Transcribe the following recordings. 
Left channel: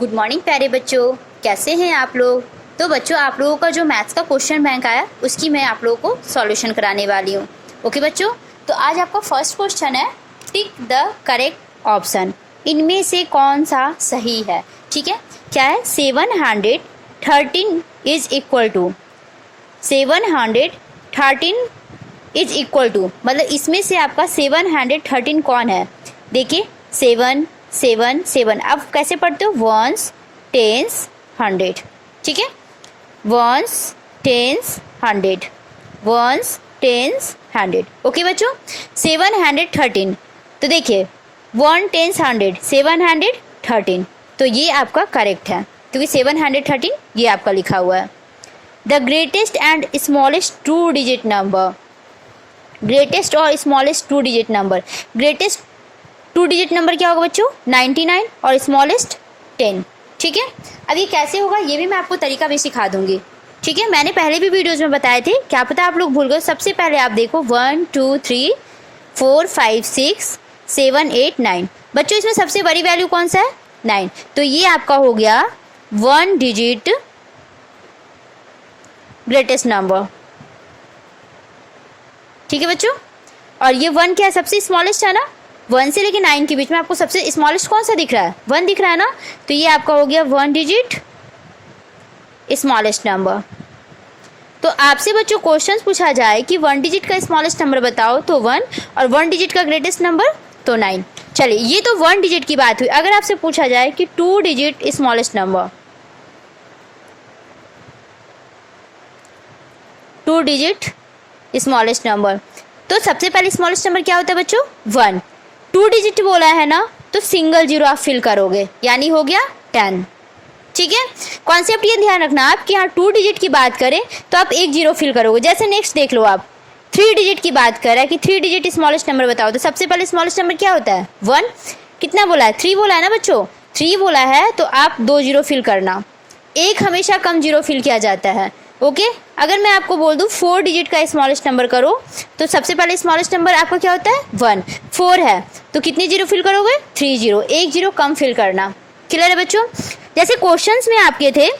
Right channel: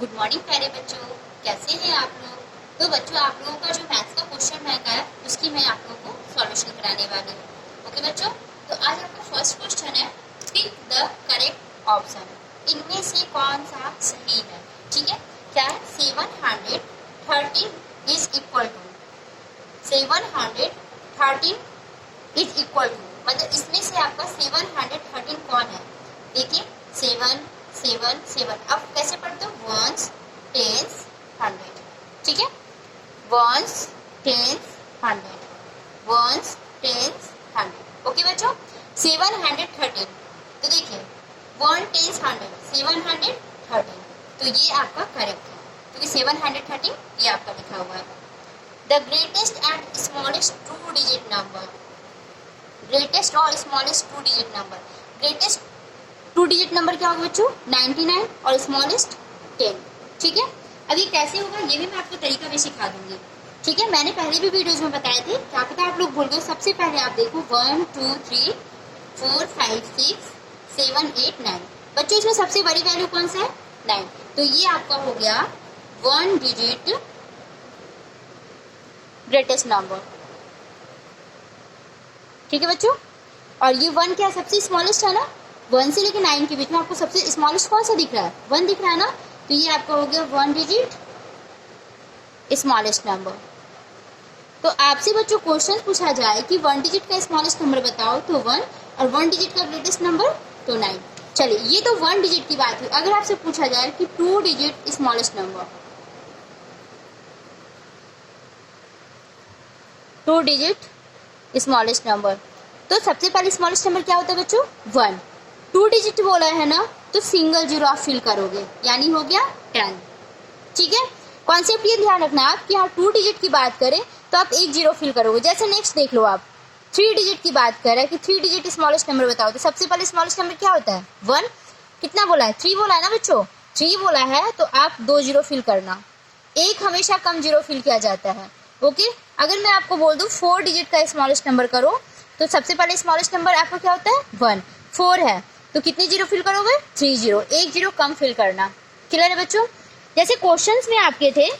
Good morning प्यारे बच्चों, कैसे हैं आप लोग। तो बच्चों, आप लोगों का जो मैथ्स का क्वेश्चन बैंक आया उसकी मैं आप लोगों को सॉल्यूशन कराने वाली हूँ। ओके बच्चों, तो आज आपका फर्स्ट क्वेश्चन है टिक द करेक्ट ऑप्शन, इनमें से कौन सा सही है। ठीक है, क्या है 713 is equal to 713 is equal to, मतलब इसमें से आपका 713 कौन है। देखिए 7 7 7, अब कैसे पढ़ते हो, वंस टेंस 100। ठीक है, ones tens 100, ones tens 100। Okay बच्चों, 713, तो देखिए 1 टेंस 100, 713, तो ये आपका करेक्ट है क्योंकि 713 ये आपका लिखा हुआ है। The greatest and smallest 2 digit number, greatest और smallest 2 digit number, greatest 2 digit number क्या होगा बच्चों 99 और स्मॉलेस्ट 10। ठीक है, अब ये कैसे होगा ये भी मैं आपको तरीका भी सिखा दूंगी। ठीक है, मैंने पहले भी वीडियोज में बताए थे, क्या पता आप लोग भूल गए। सबसे पहले आप देखो 1 2 3 4 5 6 7 8 9, बच्चों इसमें सबसे बड़ी वैल्यू कौन सा है 9, तो ये आपका हो गया 1 डिजिट ग्रेटेस्ट नंबर। ठीक है बच्चों, और ये 1 क्या है सबसे स्मॉलेस्ट है ना, 1 से लेके 9 के बीच में आपको सबसे स्मॉलेस्ट कौन सा दिख रहा है 1 दिख रहा है ना, तो ये आपका हो गया 1 डिजिट स्मॉलेस्ट नंबर। तो आपसे बच्चों क्वेश्चन पूछा जाए कि 1 डिजिट का स्मॉलेस्ट नंबर बताओ तो 1, और 1 डिजिट का ग्रेटेस्ट नंबर तो 9। चलिए ये तो 1 डिजिट की बात हुई। अगर आपसे पूछा जाए कि 2 digit smallest number, 2 digit smallest number, तो सबसे पहले स्मॉलेस्ट नंबर क्या होता है बच्चों 1। 2 डिजिट बोला है ना, तो सिंगल जीरो आप फिल करोगे, यानी हो गया 10। ठीक है, कॉन्सेप्ट ये ध्यान रखना आप कि हाँ 2 डिजिट की बात करें तो आप एक जीरो फिल करोगे। जैसे नेक्स्ट देख लो आप 3 डिजिट की बात कर रहा है कि 3 डिजिट स्मॉलेस्ट नंबर बताओ, तो सबसे पहले स्मॉलेस्ट नंबर क्या होता है 1। कितना बोला है 3 बोला है ना बच्चों, 3 बोला है तो आप 2 जीरो फिल करना, एक हमेशा कम जीरो फिल किया जाता है। ओके, अगर मैं आपको बोल दूं 4 डिजिट का स्मॉलेस्ट नंबर करो, तो सबसे पहले स्मॉलेस्ट नंबर आपका क्या होता है 1, 4 है तो कितनी जीरो फिल करोगे 3 जीरो, एक जीरो कम फिल करना। क्लियर है बच्चों। जैसे क्वेश्चंस में आपके थे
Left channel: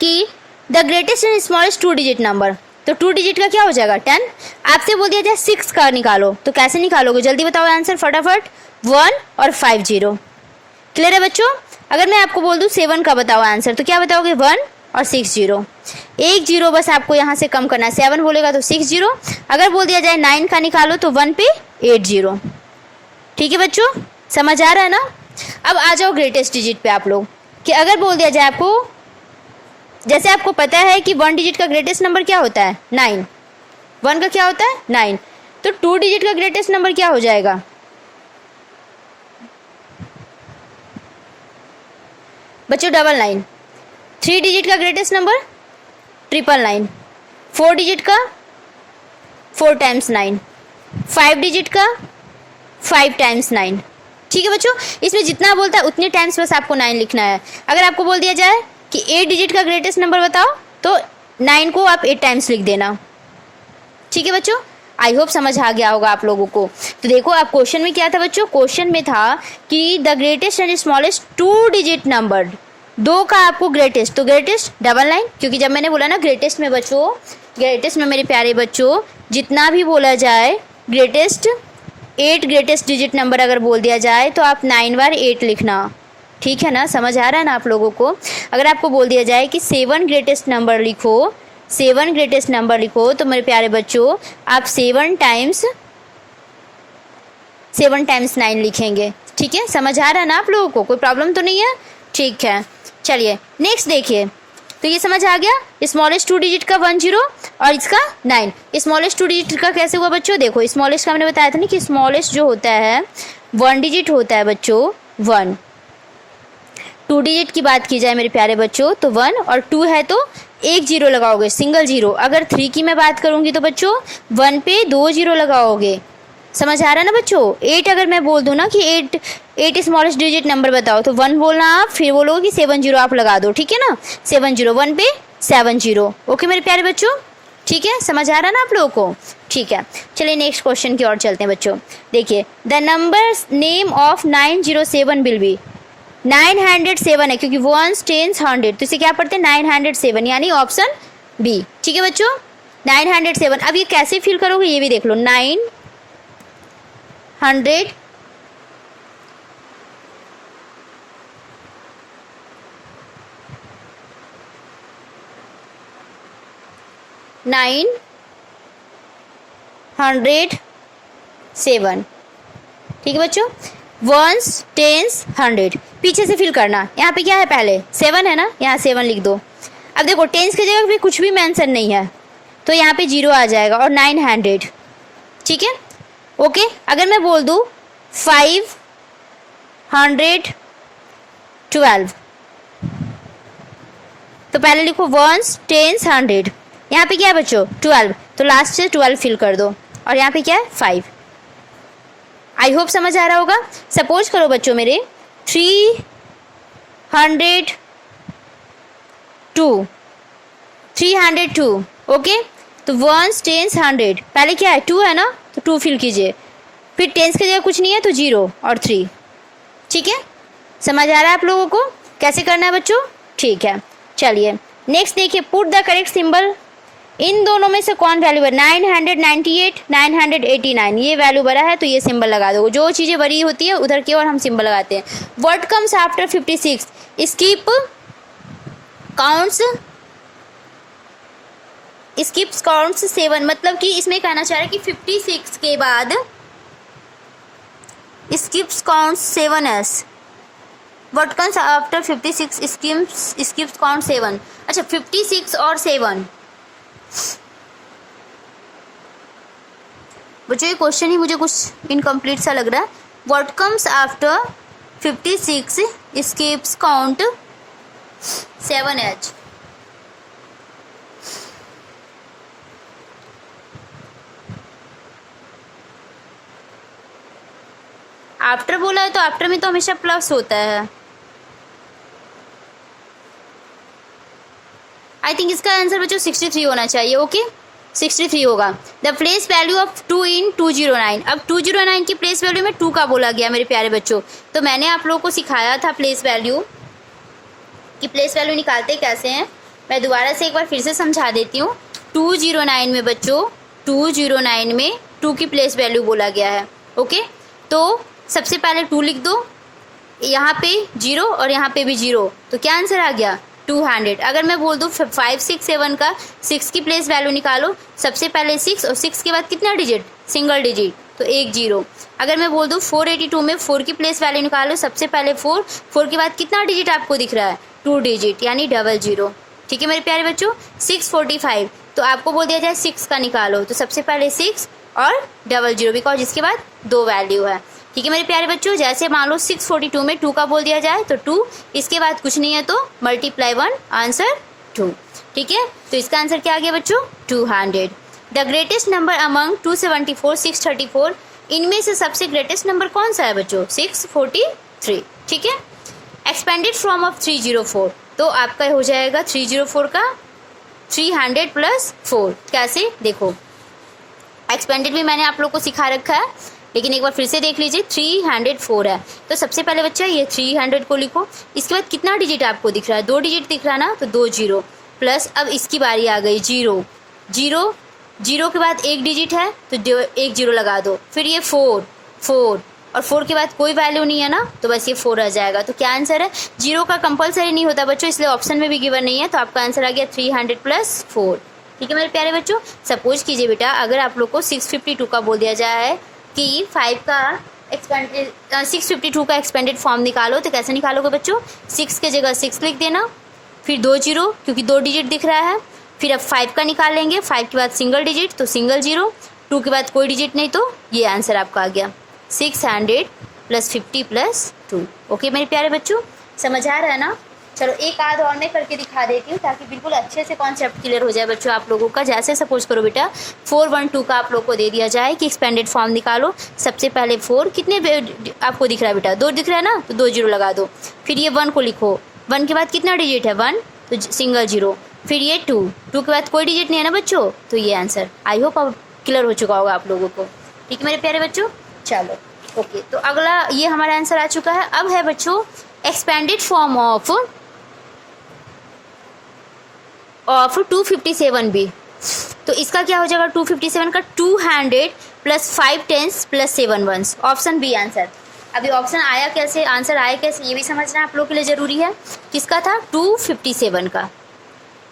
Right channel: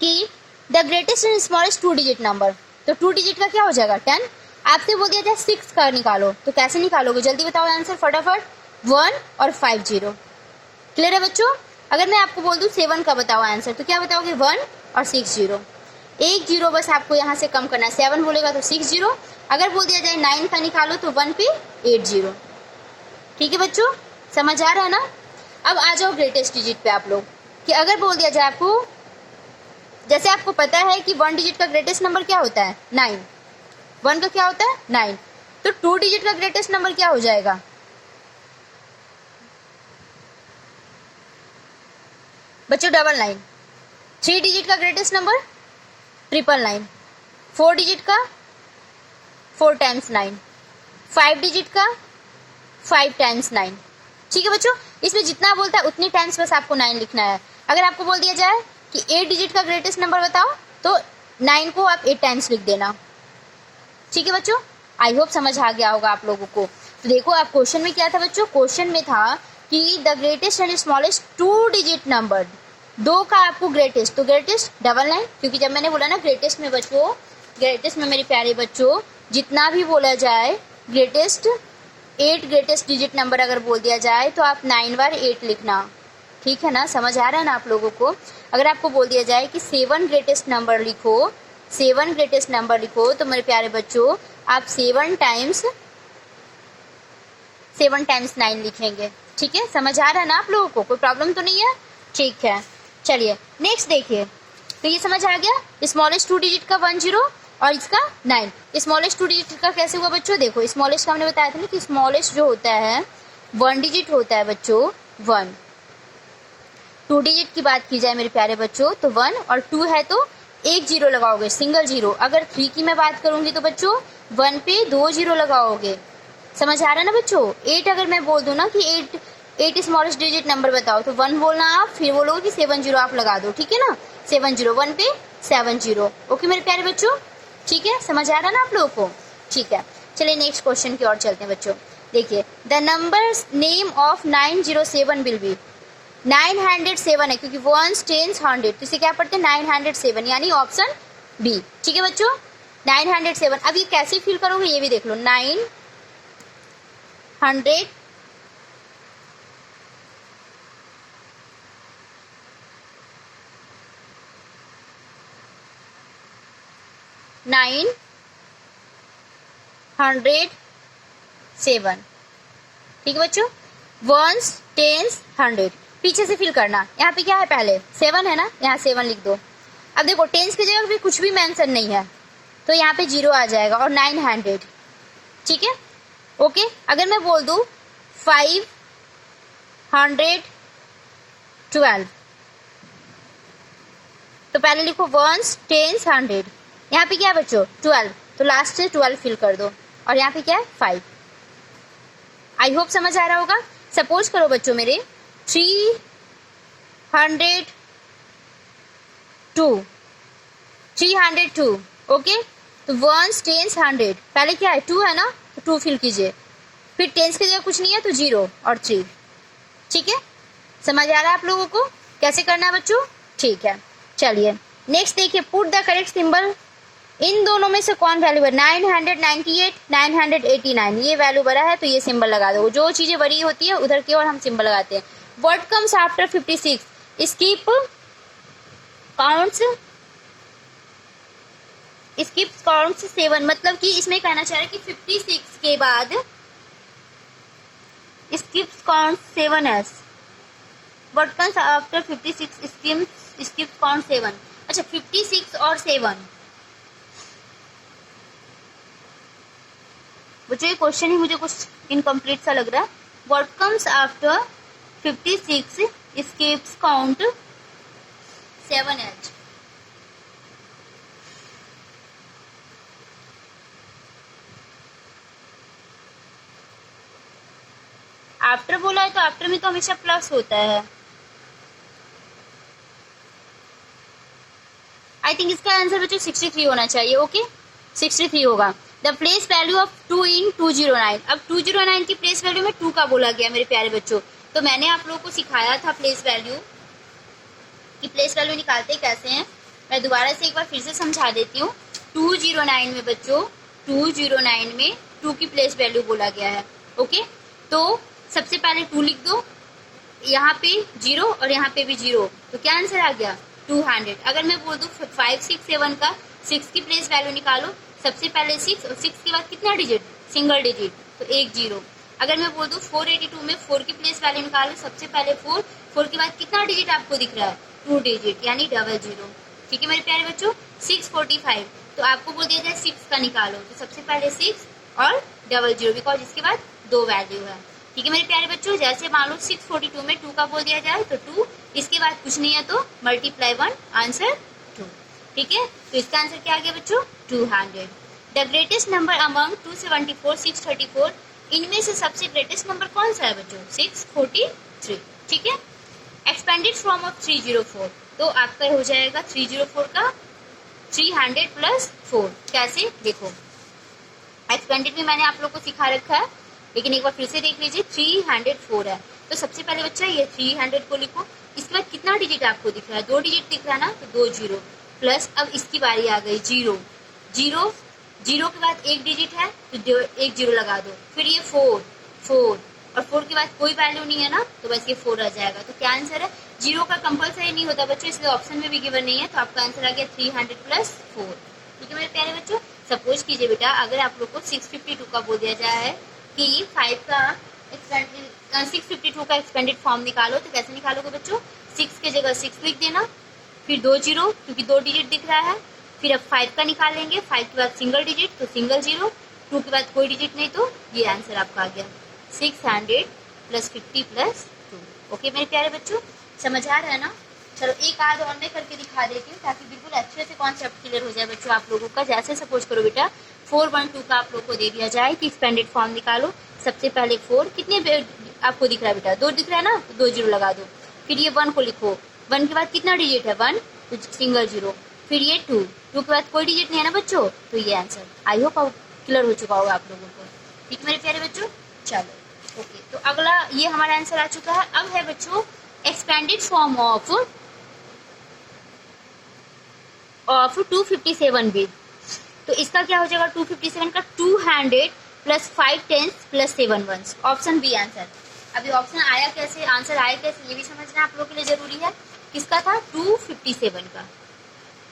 कि the greatest and smallest 2 digit number, तो 2 डिजिट का क्या हो जाएगा 10। आपसे बोल दिया जाए 6 का निकालो, तो कैसे निकालोगे जल्दी बताओ आंसर फटाफट, 1 और 5 जीरो। क्लियर है बच्चों। अगर मैं आपको बोल दूं 7 का बताओ आंसर, तो क्या बताओगे 1 और 6 जीरो, एक जीरो बस आपको यहाँ से कम करना है, 7 बोलेगा तो 6 जीरो। अगर बोल दिया जाए 9 का निकालो तो 1 पे 8 जीरो। ठीक है बच्चों, समझ आ रहा है ना। अब आ जाओ ग्रेटेस्ट डिजिट पे आप लोग, कि अगर बोल दिया जाए आपको, जैसे आपको पता है कि 1 डिजिट का ग्रेटेस्ट नंबर क्या होता है 9, 1 का क्या होता है 9, तो 2 डिजिट का ग्रेटेस्ट नंबर क्या हो जाएगा बच्चों 999। 3 डिजिट का ग्रेटेस्ट नंबर 999, 4 डिजिट का 4 टाइम्स 9, 5 डिजिट का 5 टाइम्स 9। ठीक है बच्चों, इसमें जितना बोलता है उतने टाइम्स बस आपको 9 लिखना है। अगर आपको बोल दिया जाए कि 8 डिजिट का ग्रेटेस्ट नंबर बताओ, तो 9 को आप 8 टाइम्स लिख देना। ठीक है बच्चों, आई होप समझ आ गया होगा आप लोगों को। तो देखो आप क्वेश्चन में क्या था बच्चों, क्वेश्चन में था कि the greatest and smallest 2 digit number, 2 का आपको ग्रेटेस्ट, तो ग्रेटेस्ट 99, क्योंकि जब मैंने बोला ना ग्रेटेस्ट में बच्चों, ग्रेटेस्ट में मेरे प्यारे बच्चों जितना भी बोला जाए ग्रेटेस्ट 8 ग्रेटेस्ट डिजिट नंबर अगर बोल दिया जाए तो आप 9 बार 8 लिखना। ठीक है ना, समझ आ रहा है ना आप लोगों को। अगर आपको बोल दिया जाए कि 7 ग्रेटेस्ट नंबर लिखो, 7 ग्रेटेस्ट नंबर लिखो, तो मेरे प्यारे बच्चों आप 7 टाइम्स 9 लिखेंगे। ठीक है, समझ आ रहा है ना आप लोगों को, कोई प्रॉब्लम तो नहीं है। ठीक है, चलिए नेक्स्ट देखिए, तो ये समझ आ गया स्मॉलेस्ट 2 डिजिट का 1 जीरो और इसका 9। स्मॉलेस्ट 2 डिजिट का कैसे हुआ बच्चों, देखो स्मॉलेस्ट का मैंने बताया था ना कि स्मॉलेस्ट जो होता है 1 डिजिट होता है बच्चों 1। 2 डिजिट की बात की जाए मेरे प्यारे बच्चों तो 1, और 2 है तो एक जीरो लगाओगे सिंगल जीरो। अगर 3 की मैं बात करूंगी तो बच्चों 1 पे 2 जीरो लगाओगे। समझ आ रहा है ना बच्चों। 8 अगर मैं बोल दूं ना कि 8 स्मॉलेस्ट डिजिट नंबर बताओ, तो 1 बोलना आप, फिर बोलोगे कि 7 जीरो आप लगा दो। ठीक है ना, 7 जीरो, 1 पे 7 जीरो। ओके मेरे प्यारे बच्चों, ठीक है, समझ आ रहा है ना आप लोगों को। ठीक है, चलिए नेक्स्ट क्वेश्चन की ओर चलते हैं बच्चों। देखिए the number name of 907 will be, 907 है क्योंकि वंस टेंस हंड्रेड, तो इसे क्या पढ़ते हैं 907, यानी ऑप्शन बी। ठीक है बच्चों, 907। अब ये कैसे फिल करोगे ये भी देख लो। 900 907। ठीक है बच्चों, वंस टेंस हंड्रेड, पीछे से फिल करना। यहाँ पे क्या है, पहले 7 है ना, यहाँ 7 लिख दो। अब देखो टेंस की जगह पे कुछ भी मेंशन नहीं है तो यहाँ पे 0 आ जाएगा और 900। ठीक है, ओके। अगर मैं बोल दूँ 512, तो पहले लिखो वंस टेंस हंड्रेड, यहाँ पे क्या है बच्चों 12, तो लास्ट से 12 फिल कर दो और यहाँ पे क्या है 5। आई होप समझ आ रहा होगा। सपोज करो बच्चों मेरे 302, ओके। तो वंस टेंस हंड्रेड, पहले क्या है 2 है ना, तो 2 फिल कीजिए, फिर टेंस की जगह कुछ नहीं है तो 0 और 3। ठीक है, समझ आ रहा है आप लोगों को कैसे करना है बच्चों? ठीक है, चलिए नेक्स्ट देखिए, पुट द करेक्ट सिंबल। इन दोनों में से कौन वैल्यू है? 998, 989, ये वैल्यू बड़ा है तो ये सिंबल लगा दो। जो चीज़ें बड़ी होती है उधर की ओर हम सिंबल लगाते हैं। What comes after 56? Skip counts 7, मतलब कि इसमें कहना चाह रहा है कि 56 के बाद skips counts 7s। What comes after 56 skips count 7। अच्छा, 56 और 7, बच्चों ये क्वेश्चन ही मुझे कुछ इनकम्प्लीट सा लग रहा है। What comes after 56 skips count 7h। After बोला है तो आफ्टर में तो हमेशा प्लस होता है। आई थिंक इसका आंसर बच्चों 63 होना चाहिए। ओके, 63 होगा। The place value of 2 in 209। अब 209 की प्लेस वैल्यू में 2 का बोला गया मेरे प्यारे बच्चों। तो मैंने आप लोगों को सिखाया था प्लेस वैल्यू कि प्लेस वैल्यू निकालते कैसे हैं। मैं दोबारा से एक बार फिर से समझा देती हूँ। 209 में बच्चों 209 में 2 की प्लेस वैल्यू बोला गया है। ओके, तो सबसे पहले 2 लिख दो, यहाँ पे 0 और यहाँ पे भी 0, तो क्या आंसर आ गया 200। अगर मैं बोल दूँ 5 6 7 का 6 की प्लेस वैल्यू निकालो, सबसे पहले 6 और 6 के बाद कितना डिजिट, सिंगल डिजिट, तो 1 0। अगर मैं बोल दूँ 482 में 4 की प्लेस वैल्यू निकालो, सबसे पहले 4 के बाद कितना डिजिट आपको दिख रहा है 2 डिजिट, यानी 00। ठीक है मेरे प्यारे बच्चों। 645, तो आपको बोल दिया जाए 6 का निकालो, तो सबसे पहले 6 और 00, बिकॉज इसके बाद 2 वैल्यू है। ठीक है मेरे प्यारे बच्चों, जैसे मान लो 642 में 2 का बोल दिया जाए तो 2, इसके बाद कुछ नहीं है तो मल्टीप्लाई 1, आंसर 2। ठीक है, तो इसका आंसर क्या आ गया बच्चों 200। द ग्रेटेस्ट नंबर अमंग 274 634, इनमें से सबसे ग्रेटेस्ट नंबर कौन सा है बच्चों 643। ठीक है, एक्सपेंडेड फ्रॉम ऑफ 304, तो आपका हो जाएगा 304 का 300 प्लस 4। कैसे देखो, एक्सपेंडेड भी मैंने आप लोग को सिखा रखा है, लेकिन एक बार फिर से देख लीजिए। 304 है तो सबसे पहले बच्चा ये 300 को लिखो, इसके बाद कितना डिजिट आपको दिख रहा है 2 डिजिट दिख रहा है ना, तो 2 0 प्लस, अब इसकी बारी आ गई 0 के बाद 1 डिजिट है तो 1 0 लगा दो, फिर ये 4 और 4 के बाद कोई वैल्यू नहीं है ना, तो बस ये 4 आ जाएगा। तो क्या आंसर है, 0 का कंपलसरी नहीं होता बच्चों, इसलिए ऑप्शन में भी गिवन नहीं है, तो आपका आंसर आ गया 300 प्लस 4। ठीक है मेरे प्यारे बच्चों। सपोज कीजिए बेटा, अगर आप लोग को 652 का बोल दिया जाए है कि 652 का एक्सपेंडेड फॉर्म निकालो, तो कैसे निकालोगे बच्चों, 6 के जगह 6 लिख देना, फिर 2 0 क्योंकि 2 डिजिट दिख रहा है, फिर अब 5 का निकाल लेंगे, 5 के बाद सिंगल डिजिट तो सिंगल 0, 2 के बाद कोई डिजिट नहीं, तो ये आंसर आपका आ गया 600 प्लस 50 प्लस 2। ओके मेरे प्यारे बच्चों, समझ आ रहा है ना। चलो एक आध और मैं करके दिखा देती हूँ ताकि बिल्कुल अच्छे से कॉन्सेप्ट क्लियर हो जाए बच्चों आप लोगों का। जैसे सपोज करो बेटा 412 का आप लोग को दे दिया जाए कि एक्सपेंडेड फॉर्म निकालो, सबसे पहले 4 कितने आपको दिख रहा है बेटा 2 दिख रहा है ना, तो 2 0 लगा दो, फिर ये 1 को लिखो, 1 के बाद कितना डिजिट है 1, तो सिंगल 0, फिर ये 2 के बाद कोई डिजिट नहीं है ना बच्चों, तो ये आंसर। आई होप अब क्लियर हो चुका होगा आप लोगों को। ठीक है मेरे प्यारे बच्चों, चलो ओके। तो अगला ये हमारा आंसर आ चुका है। अब है बच्चों एक्सपेंडेड फॉर्म ऑफ 257 भी, तो इसका क्या हो जाएगा 257 का 200 plus 5 tens plus 7 ones, option B answer. अभी ऑप्शन आया कैसे, आंसर आया कैसे, ये भी समझना आप लोगों के लिए जरूरी है। किसका था 257 का।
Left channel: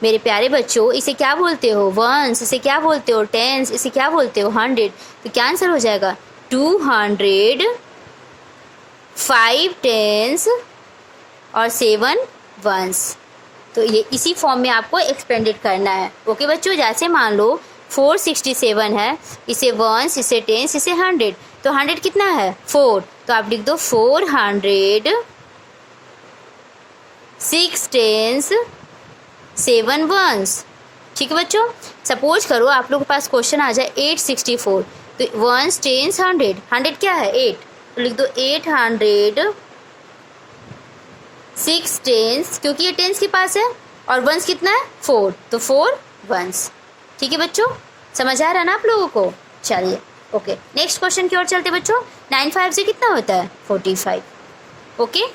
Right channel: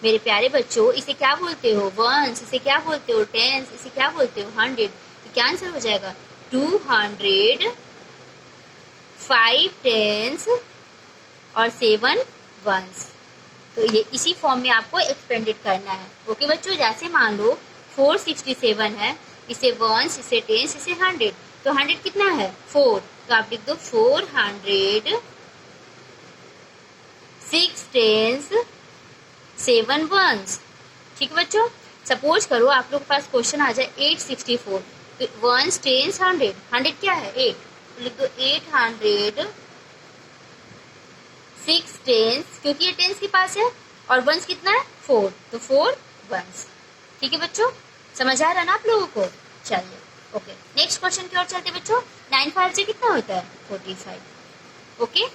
मेरे प्यारे बच्चों, इसे क्या बोलते हो वंस, इसे क्या बोलते हो टेंस, इसे क्या बोलते हो 100। तो क्या आंसर हो जाएगा 200 5 टेंस और 7 वंस। तो ये इसी फॉर्म में आपको एक्सपेंडेड करना है। ओके बच्चों, जैसे मान लो 467 है, इसे वंस, इसे टेंस, इसे 100, तो 100 कितना है 4, तो आप लिख दो 400 6 टेंस 7 वंस। ठीक है बच्चों, सपोज करो आप लोग के पास क्वेश्चन आ जाए 864, तो वंस टेंस 100, 100 क्या है 8, तो लिख दो 800 6 टेंस, क्योंकि ये टेंस के पास है, और वंस कितना है 4, तो 4 वंस। ठीक है बच्चों, समझ आ रहा है ना आप लोगों को। चलिए ओके, नेक्स्ट क्वेश्चन की ओर चलते बच्चों। 9 5 से कितना होता है 45। ओके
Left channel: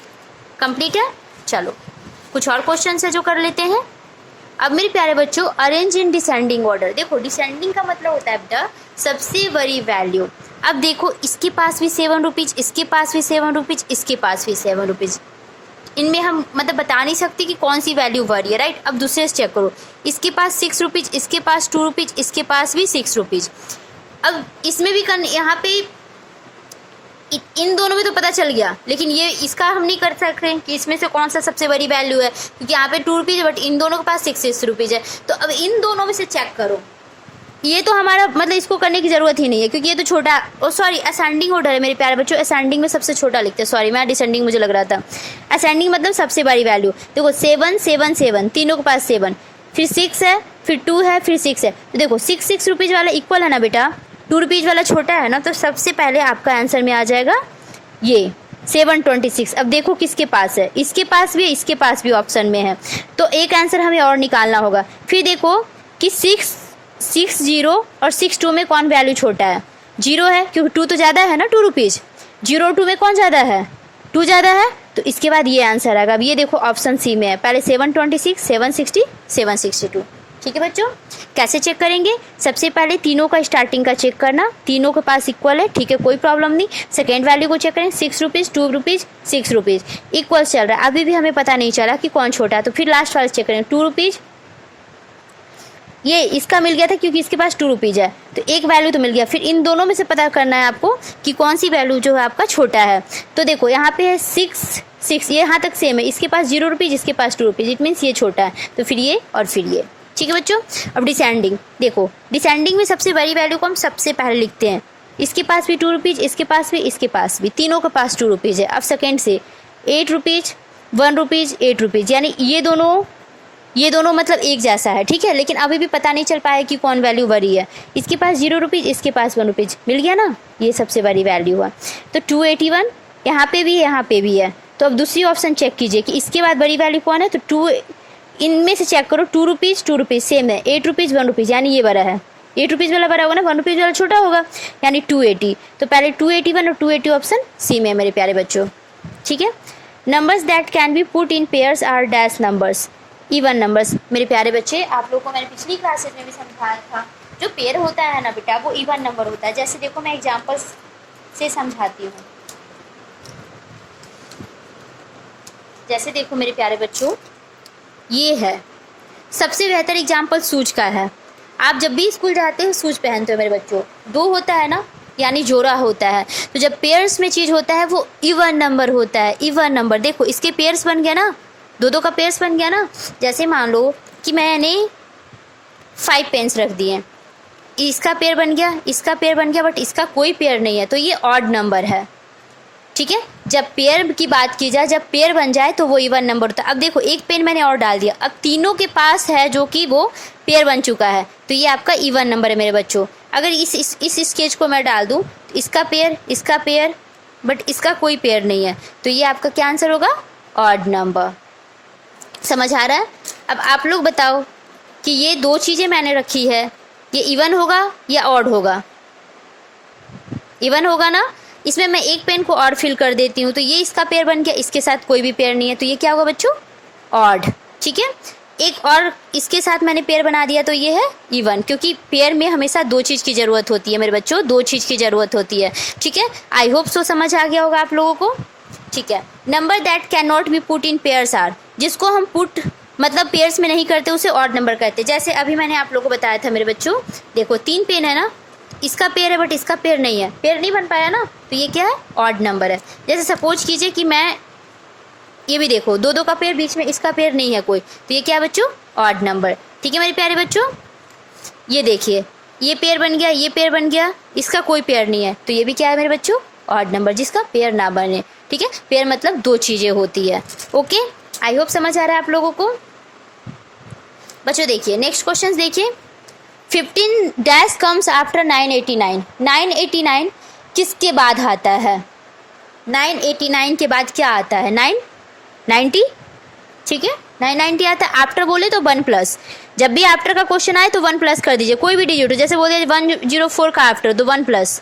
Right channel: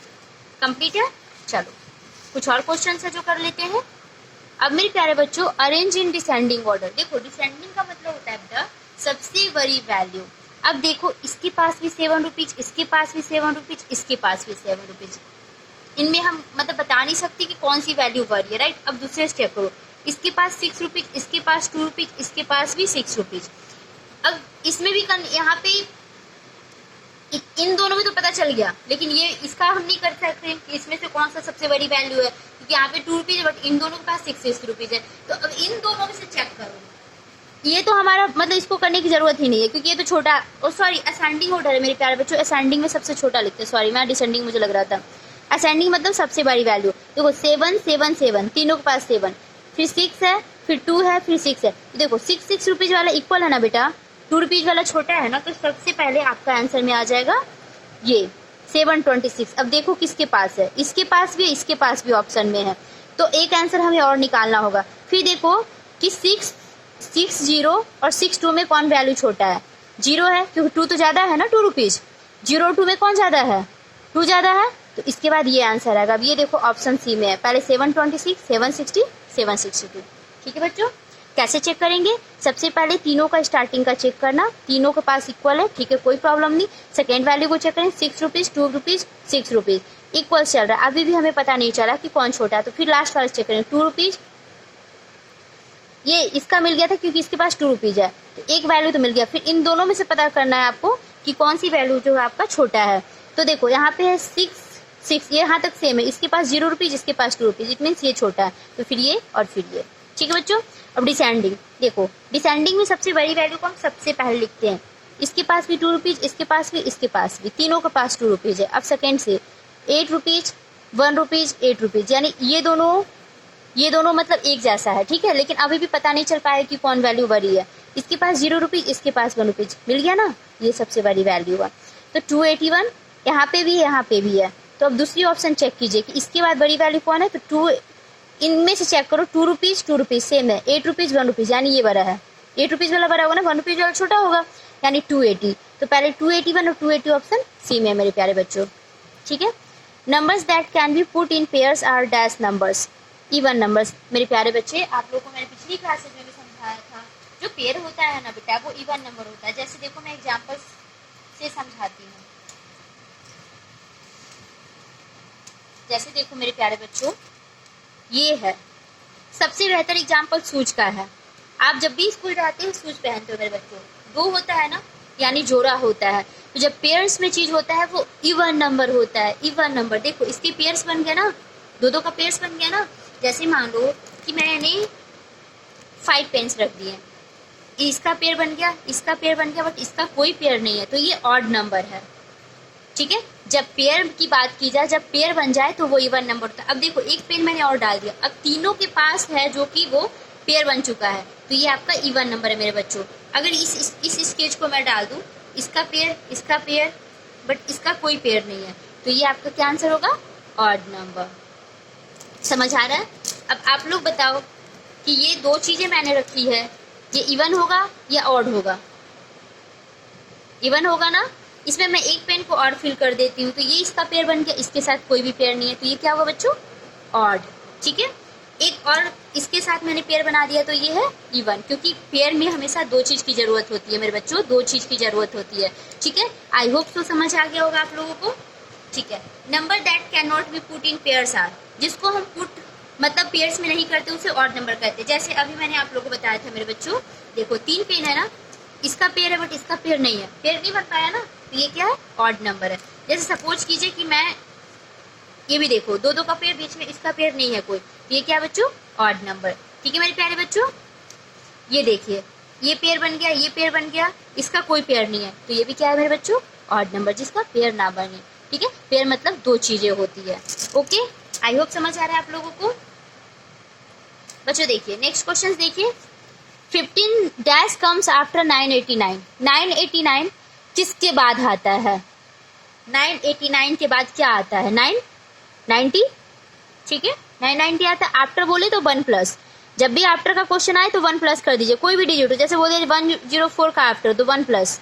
कंप्लीट है। चलो कुछ और क्वेश्चन है जो कर लेते हैं। अब मेरे प्यारे बच्चों, अरेंज इन डिसेंडिंग ऑर्डर। देखो डिसेंडिंग का मतलब होता है बेटा सबसे बड़ी वैल्यू। अब देखो इसके पास भी 7 रुपीज, इसके पास भी 7 रुपीज, इसके पास भी 7 रुपीज, इनमें हम मतलब बता नहीं सकते कि कौन सी वैल्यू बड़ी है, राइट। अब दूसरे से चेक करो, इसके पास 6 रुपीज, इसके पास 2 रुपीज, इसके पास भी 6 रुपीज। अब इसमें भी यहाँ पे इन दोनों में तो पता चल गया, लेकिन ये इसका हम नहीं कर सकते कि इसमें से कौन सा सबसे बड़ी वैल्यू है, क्योंकि यहाँ पे 2 रुपीज बट इन दोनों के पास 6 रुपीज है। तो अब इन दोनों में से चेक करो, ये तो हमारा मतलब इसको करने की जरूरत ही नहीं है, क्योंकि ये तो छोटा, ओ सॉरी असेंडिंग ऑर्डर है मेरे प्यारे बच्चों, असेंडिंग में सबसे छोटा लिखते हैं, सॉरी मैं डिसेंडिंग मुझे लग रहा था। असेंडिंग मतलब सबसे बड़ी वैल्यू। देखो 7 7 7, तीनों के पास 7, फिर 6 है, फिर 2 है, फिर 6 है। तो देखो 6 रुपीज वाला इक्वल है ना बेटा, 2 रुपीज वाला छोटा है ना, तो सबसे पहले आपका आंसर में आ जाएगा ये 726। अब देखो किसके पास है, इसके पास भी है, इसके पास भी ऑप्शन में है, तो एक आंसर हमें और निकालना होगा। फिर देखो कि 660 और 62 में कौन वैल्यू छोटा है, 0 है, क्योंकि 2 तो ज़्यादा है ना 2 रुपीज़, 0 और 2 में कौन ज़्यादा है 2 ज़्यादा है, तो इसके बाद ये आंसर आएगा। अब ये देखो ऑप्शन सी में है, पहले 726 760 762। ठीक है बच्चों, कैसे चेक करेंगे, सबसे पहले तीनों का स्टार्टिंग का चेक करना, तीनों के पास इक्वल है, ठीक है कोई प्रॉब्लम नहीं। सेकेंड वैल्यू को चेक करें, 6 रुपीज़ 2 रुपीज़ 6 रुपीज़ इक्वल चल रहा है, अभी भी हमें पता नहीं चला कि कौन छोटा है, तो फिर लास्ट वाला चेक करें 2 रुपीज़, ये इसका मिल गया था क्योंकि इसके पास 2 रुपीज़ है, तो एक वैल्यू तो मिल गया। फिर इन दोनों में से पता करना है आपको कि कौन सी वैल्यू जो है आपका छोटा है। तो देखो यहाँ पे है 6 ये यहाँ तक सेम है, इसके पास 0 रुपीज़, इसके पास 2 रुपीज़, इट मीन्स ये छोटा है, तो फिर ये और फिर ये। ठीक है बच्चों, अब डिसेंडिंग देखो, डिसेंडिंग में सबसे बड़ी वैल्यू को हम सबसे पहले लिखते हैं, इसके पास भी 2 रुपीज़, इसके पास भी, इसके पास भी, तीनों के पास 2 रुपीज़ है। अब सेकेंड से 8 रुपीज़ 1 रुपीज़ 8 रुपीज़, यानी ये दोनों मतलब एक जैसा है, ठीक है, लेकिन अभी भी पता नहीं चल पाया कि कौन वैल्यू बड़ी है। इसके पास 0 रुपीज़, इसके पास 1 रुपीज़, मिल गया ना, ये सबसे बड़ी वैल्यू है। तो 281 यहाँ पे भी है, यहाँ पे भी है, तो अब दूसरी ऑप्शन चेक कीजिए कि इसके बाद बड़ी वैल्यू कौन है, तो 2 इनमें से चेक करो, 2 रुपीज़ सेम है, 8 रुपीज़ 1 रुपीज़, यानी ये बड़ा है, 8 रुपीज़ वाला बड़ा होगा ना, 1 रुपीज़ वाला छोटा होगा, यानी 280। तो पहले 281 और 280 ऑप्शन सी में है मेरे प्यारे बच्चों। ठीक है, numbers that can be put in pairs are dash numbers, even numbers. मेरे प्यारे बच्चे, आप लोगों को मैंने पिछली क्लासेज में भी समझाया था, जो पेयर होता है ना बेटा वो इवन नंबर होता है। जैसे देखो मैं एग्जाम्पल्स से समझाती हूँ, जैसे देखो मेरे प्यारे बच्चों, ये है सबसे बेहतर एग्जाम्पल शूज का है। आप जब भी स्कूल जाते हो शूज पहनते हो मेरे बच्चों, 2 होता है ना, यानी जोड़ा होता है, तो जब पेयर्स में चीज़ होता है वो इवन नंबर होता है, इवन नंबर। देखो इसके पेयर्स बन गया ना, 2 का पेयर्स बन गया ना। जैसे मान लो कि मैंने 5 पेन्स रख दिए, इसका पेयर बन गया, इसका पेयर बन गया, बट इसका कोई पेयर नहीं है, तो ये ऑड नंबर है। ठीक है, जब पेयर की बात की जाए, जब पेयर बन जाए तो वो इवन नंबर होता है। अब देखो एक पेन मैंने और डाल दिया, अब तीनों के पास है जो कि वो पेयर बन चुका है, तो ये आपका इवन नंबर है मेरे बच्चों। अगर इस स्केच को मैं डाल दूँ, इसका पेयर बट इसका कोई पेयर नहीं है, तो ये आपका क्या आंसर होगा, ऑड नंबर। समझ आ रहा है। अब आप लोग बताओ कि ये 2 चीज़ें मैंने रखी है, ये इवन होगा या ऑड होगा, इवन होगा ना। इसमें मैं एक पेन को और फिल कर देती हूँ, तो ये इसका पेयर बन गया, इसके साथ कोई भी पेयर नहीं है, तो ये क्या होगा बच्चों, ऑड। ठीक है, एक और इसके साथ मैंने पेयर बना दिया, तो ये है इवन, क्योंकि पेयर में हमेशा दो चीज़ की ज़रूरत होती है मेरे बच्चों, दो चीज़ की ज़रूरत होती है। ठीक है, आई होप सो समझ आ गया होगा आप लोगों को। ठीक है, number that can not be put in pairs are, जिसको हम पुट मतलब पेयर्स में नहीं करते उसे ऑड नंबर कहते हैं। जैसे अभी मैंने आप लोगों को बताया था मेरे बच्चों, देखो 3 पेन है ना, इसका पेयर है बट इसका पेयर नहीं है, पेयर नहीं बन पाया ना, तो ये क्या है, ऑड नंबर है। जैसे सपोज कीजिए कि मैं ये भी देखो 2-2 का पेयर, बीच में इसका पेयर नहीं है कोई, तो ये क्या है बच्चों, ऑड नंबर। ठीक है मेरे प्यारे बच्चों, ये देखिए ये पेयर बन गया, ये पेयर बन गया, इसका कोई पेयर नहीं है, तो ये भी क्या है मेरे बच्चों, ऑड नंबर, जिसका पेयर ना बने। ठीक है, पेयर मतलब दो चीज़ें होती है। ओके, आई होप समझ आ रहा है आप लोगों को। बच्चों देखिए नेक्स्ट क्वेश्चन देखिए, 15 डैश कम्स आफ्टर 989। 989 किसके बाद आता है, 989 के बाद क्या आता है, 990। ठीक है, 990 आता है, आफ्टर बोले तो 1+, जब भी आफ्टर का क्वेश्चन आए तो 1+ कर दीजिए, कोई भी डिजिट हो, जैसे बोले 104 का आफ्टर तो 1+,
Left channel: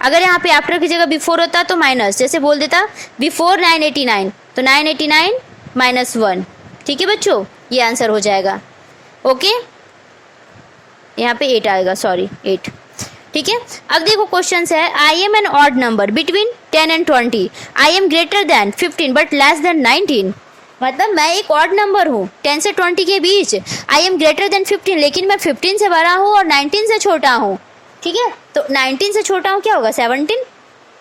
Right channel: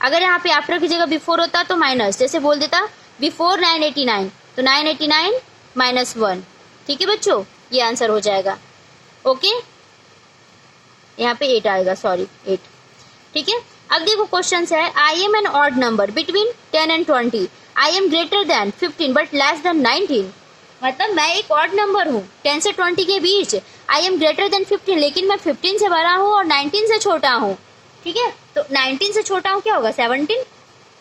अगर यहाँ पे आफ्टर की जगह बिफोर होता तो माइनस, जैसे बोल देता बिफोर 989 तो 989 -1। ठीक है बच्चों, ये आंसर हो जाएगा। ओके, यहाँ पे 8 आएगा, सॉरी 8। ठीक है, अब देखो क्वेश्चन है, I am an odd number between 10 and 20, I am greater than 15 but less than 19। मतलब मैं एक ऑड नंबर हूँ 10 से 20 के बीच, आई एम ग्रेटर देन 15, लेकिन मैं 15 से बड़ा हूँ और 19 से छोटा हूँ। ठीक है, तो 19 से छोटा हूँ क्या होगा, 17।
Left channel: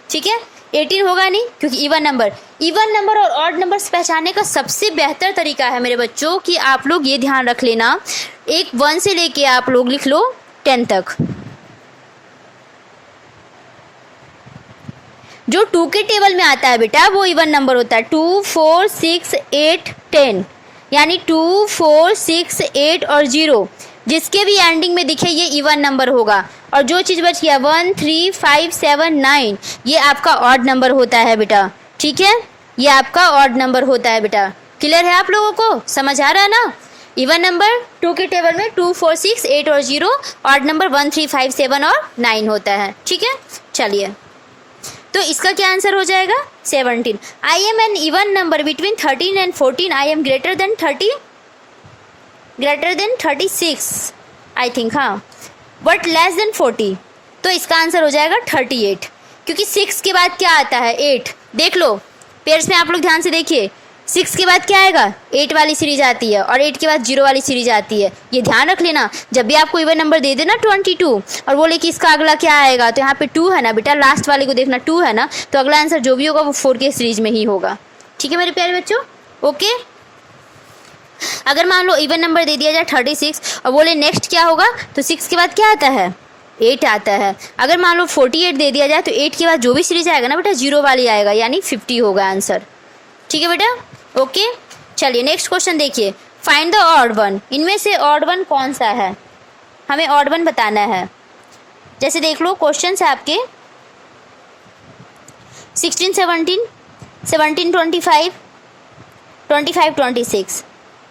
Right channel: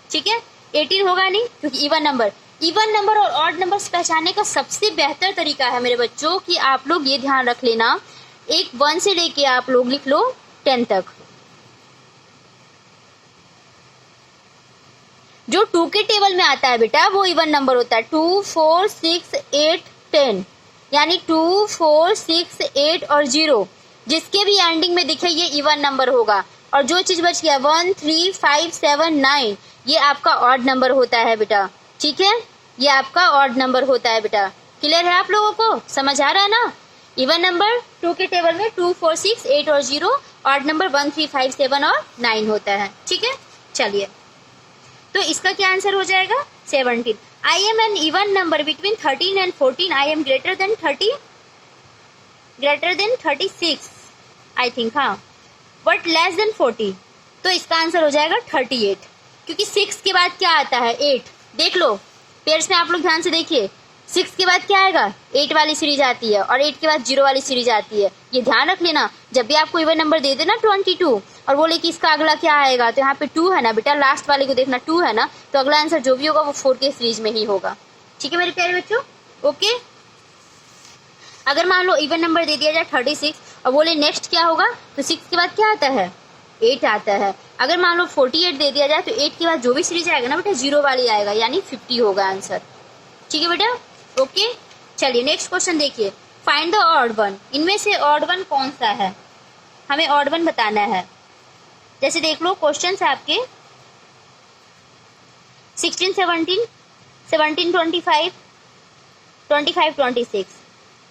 ठीक है, 18 होगा नहीं, क्योंकि इवन नंबर और ऑड नंबर्स पहचानने का सबसे बेहतर तरीका है मेरे बच्चों कि आप लोग ये ध्यान रख लेना, एक 1 से लेके आप लोग लिख लो 10 तक। जो 2 के टेबल में आता है बेटा वो इवन नंबर होता है, 2, 4, 6, 8, 10, यानी 2, 4, 6, 8 और 0 जिसके भी एंडिंग में दिखे ये इवन नंबर होगा। और जो चीज़ बच गया 1, 3, 5, 7, 9 ये आपका ऑड नंबर होता है बेटा। ठीक है, ये आपका ऑड नंबर होता है बेटा। क्लियर है आप लोगों को, समझ आ रहा है ना। इवन नंबर 2 के टेबल में 2, 4, 6, 8 और 0, ऑड नंबर 1, 3, 5, 7 और 9 होता है। ठीक है, चलिए तो इसका क्या आंसर हो जाएगा, 17। I am an even number between 13 and 14, I am greater than 36 I think, हाँ, बट लेस देन 40, तो इसका आंसर हो जाएगा 38, क्योंकि 6 के बाद क्या आता है, 8। देख लो पेयर्स में आप लोग ध्यान से देखिए, 6 के बाद क्या आएगा, 8 वाली सीरीज आती है और 8 के बाद 0 वाली सीरीज आती है। ये ध्यान रख लेना, जब भी आपको इवन नंबर दे देना 22 और बोले कि इसका अगला क्या आएगा, तो यहाँ पे 2 है ना बेटा, लास्ट वाले को देखना 2 है ना, तो अगला आंसर जो भी होगा वो 4 के सीरीज में ही होगा। ठीक है मेरे प्यारे बच्चों, ओके। अगर मान लो इवन नंबर दे दिया जाए 36 और बोले नेक्स्ट क्या होगा, तो 6 के बाद क्या आता है, 8 आता है। अगर मान लो 48 दे दिया जाए तो 8 के बाद जो भी सीरीज आएगा ना बेटा 0 वाली आएगा, यानी 50 होगा आंसर। ठीक है बेटा, ओके। चलिए नेक्स्ट क्वेश्चन देखिए, फाइंड द ऑड वन, इनमें से ऑड वन कौन सा है, हमें ऑड वन बताना है। जैसे देख लो क्वेश्चन है आपके 16, 17, 17, 25, 25, 26।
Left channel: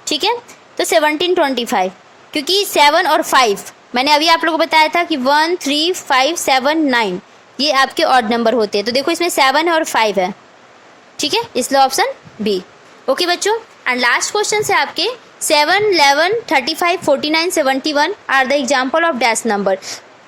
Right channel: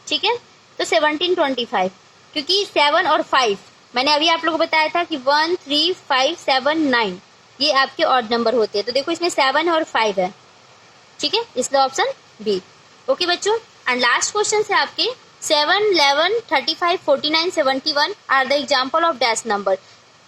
ठीक है, तो 17, 25, क्योंकि 7 और 5 मैंने अभी आप लोगों को बताया था कि 1, 3, 5, 7, 9 ये आपके ऑड नंबर होते हैं। तो देखो इसमें 7 है और 5 है। ठीक है, इसलिए ऑप्शन बी। ओके बच्चों, एंड लास्ट क्वेश्चन है आपके 7, 11, 35, 49, 71 are the example of dash number.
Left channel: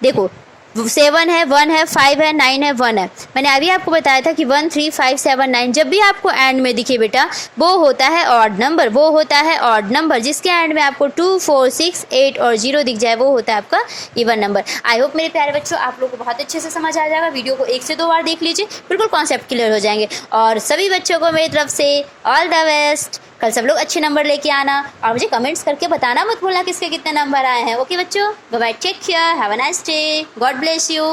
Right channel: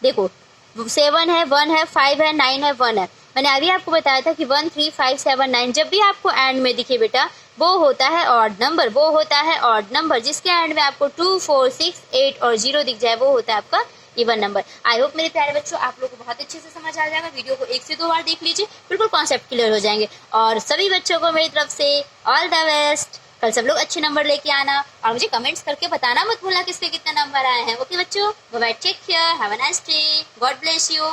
देखो 7 है, 1 है, 5 है, 9 है, 1 है। मैंने अभी आपको बताया था कि 1, 3, 5, 7, 9 जब भी आपको एंड में दिखे बेटा वो होता है ऑड नंबर, वो होता है ऑड नंबर। जिसके एंड में आपको 2, 4, 6, 8 और 0 दिख जाए वो होता है आपका इवन नंबर। आई होप मेरे प्यारे बच्चों आप लोग को बहुत अच्छे से समझ आ जाएगा। वीडियो को 1 से 2 बार देख लीजिए, बिल्कुल कॉन्सेप्ट क्लियर हो जाएंगे। और सभी बच्चों को मेरी तरफ से ऑल द बेस्ट। कल सब लोग अच्छे नंबर लेके आना और मुझे कमेंट्स करके बताना मत भूलना किसके कितने नंबर आए हैं। ओके बच्चों, bye bye, take care, have a nice day, God bless you.